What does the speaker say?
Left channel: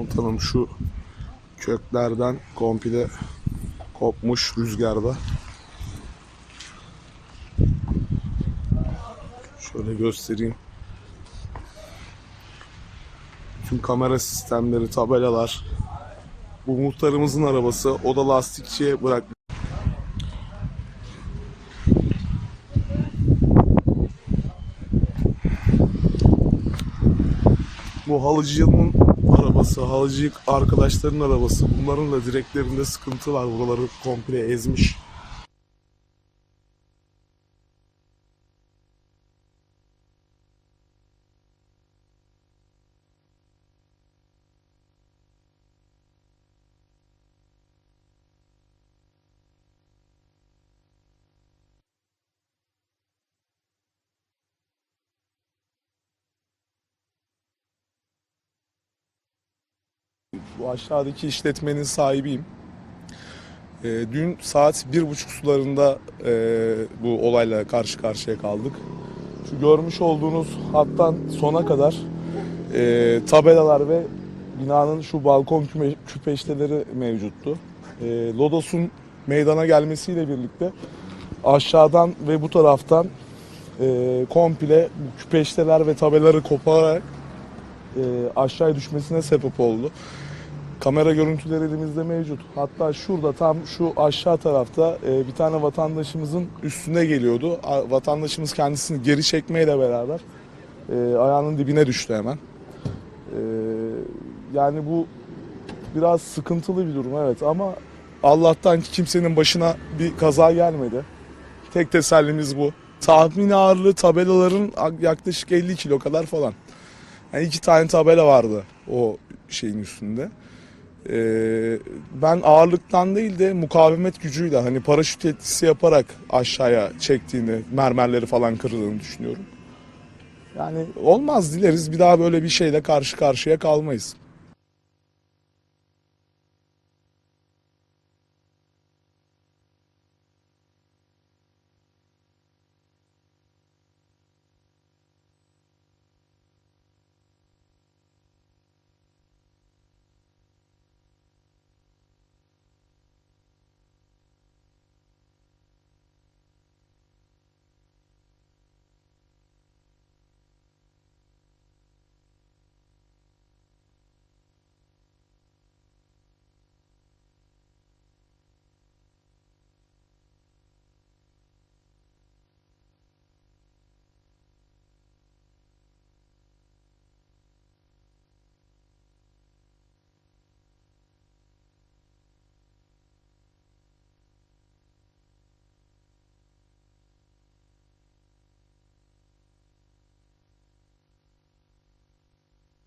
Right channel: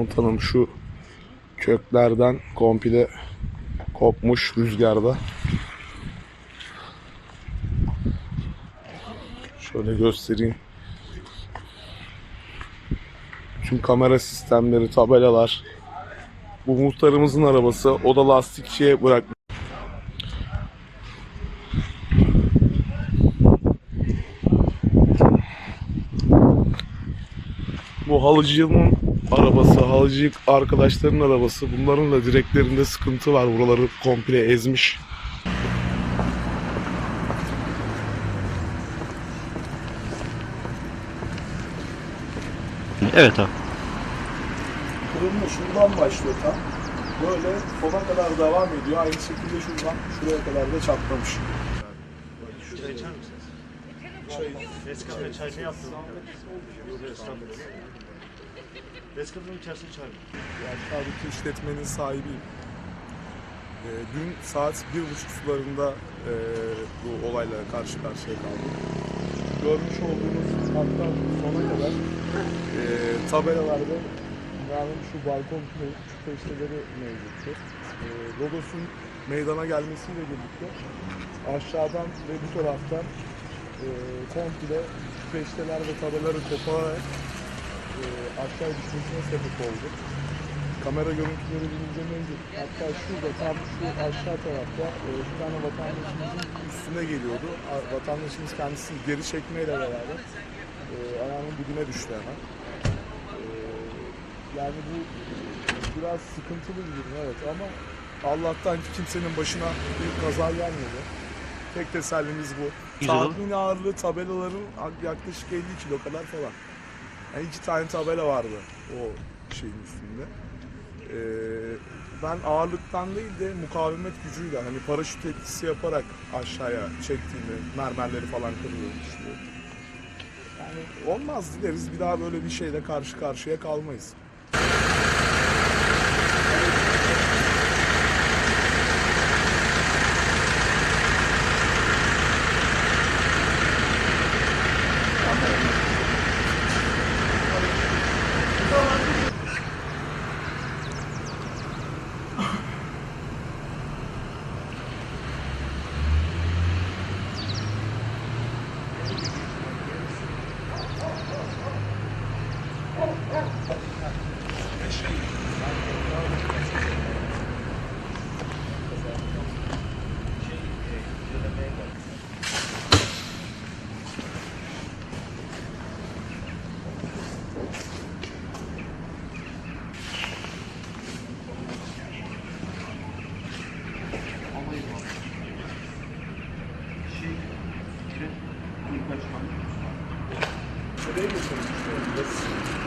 Komutanım şu köklerden komple kopmuş rüzgarda. Şöyle göstereyim. Tüm kamera sistemleri, tabelalar. Bu muhtarımızın arabası. O da lastikçiye bırakmış. Bu halıcının arabası, halıcı arkadaşların arabası. Bunların da direklerinde sıkıntı var. Buraları komple ezmiş. Evet abi. Kırılma şuradan başlıyor tam. Böyle sona kadar devam ediyor. Aynı şekilde şuradan şuraya kadar da çatlamış. Çay içer misiniz? Çay. Eskiden çay ne içerisinde çay mı? Bu aşağıdaki işletmenin sahibiyim. Ee, dün saat bir buçuk sularında e, bu olayla karşı karşıya kaldık. Şu görmüş olduğunuz hattan sona kadar e, tabelalar ve binanın şu balkon küme, küpeşteleri mevcuttu. E, Lodos'un meydana gelmesiyle birlikte aşağıdan ve bu taraftan e, komple küpeşteler ve tabelaları kopararak e, aşağıya düşmesine sebep oldu. Kamera görüntüleri elimizde mevcut. Hatta şurada tam şu aşağı tarafta e, bir tane vatandaşımızın üstüne geliyordu. A- Vatandaşımız kendisini geri çekmeyle beraber e, ayağının dibine düştü hemen. E, yani bu biraz sıkıntılı bir durum evet ama Allah'tan ki kimsenin başına bir kaza gelmedi. Tek tesellimiz bu. Tahmin ağırlığı tabelaların yaklaşık 50 kilo kadar falan. Yani iki tane tabela vardı o şeyin üstünde. Ee, ben ağırlıktan değil de mukavemet gücüyle hani paraşüt etkisi yaparak aşağıya çektiğini, mermerleri falan kırıldığını düşünüyorum. Yani olmaz dileriz bir daha böyle bir şeyle karşı karşıya kalmayız. Şuraya geçelim. Şuraya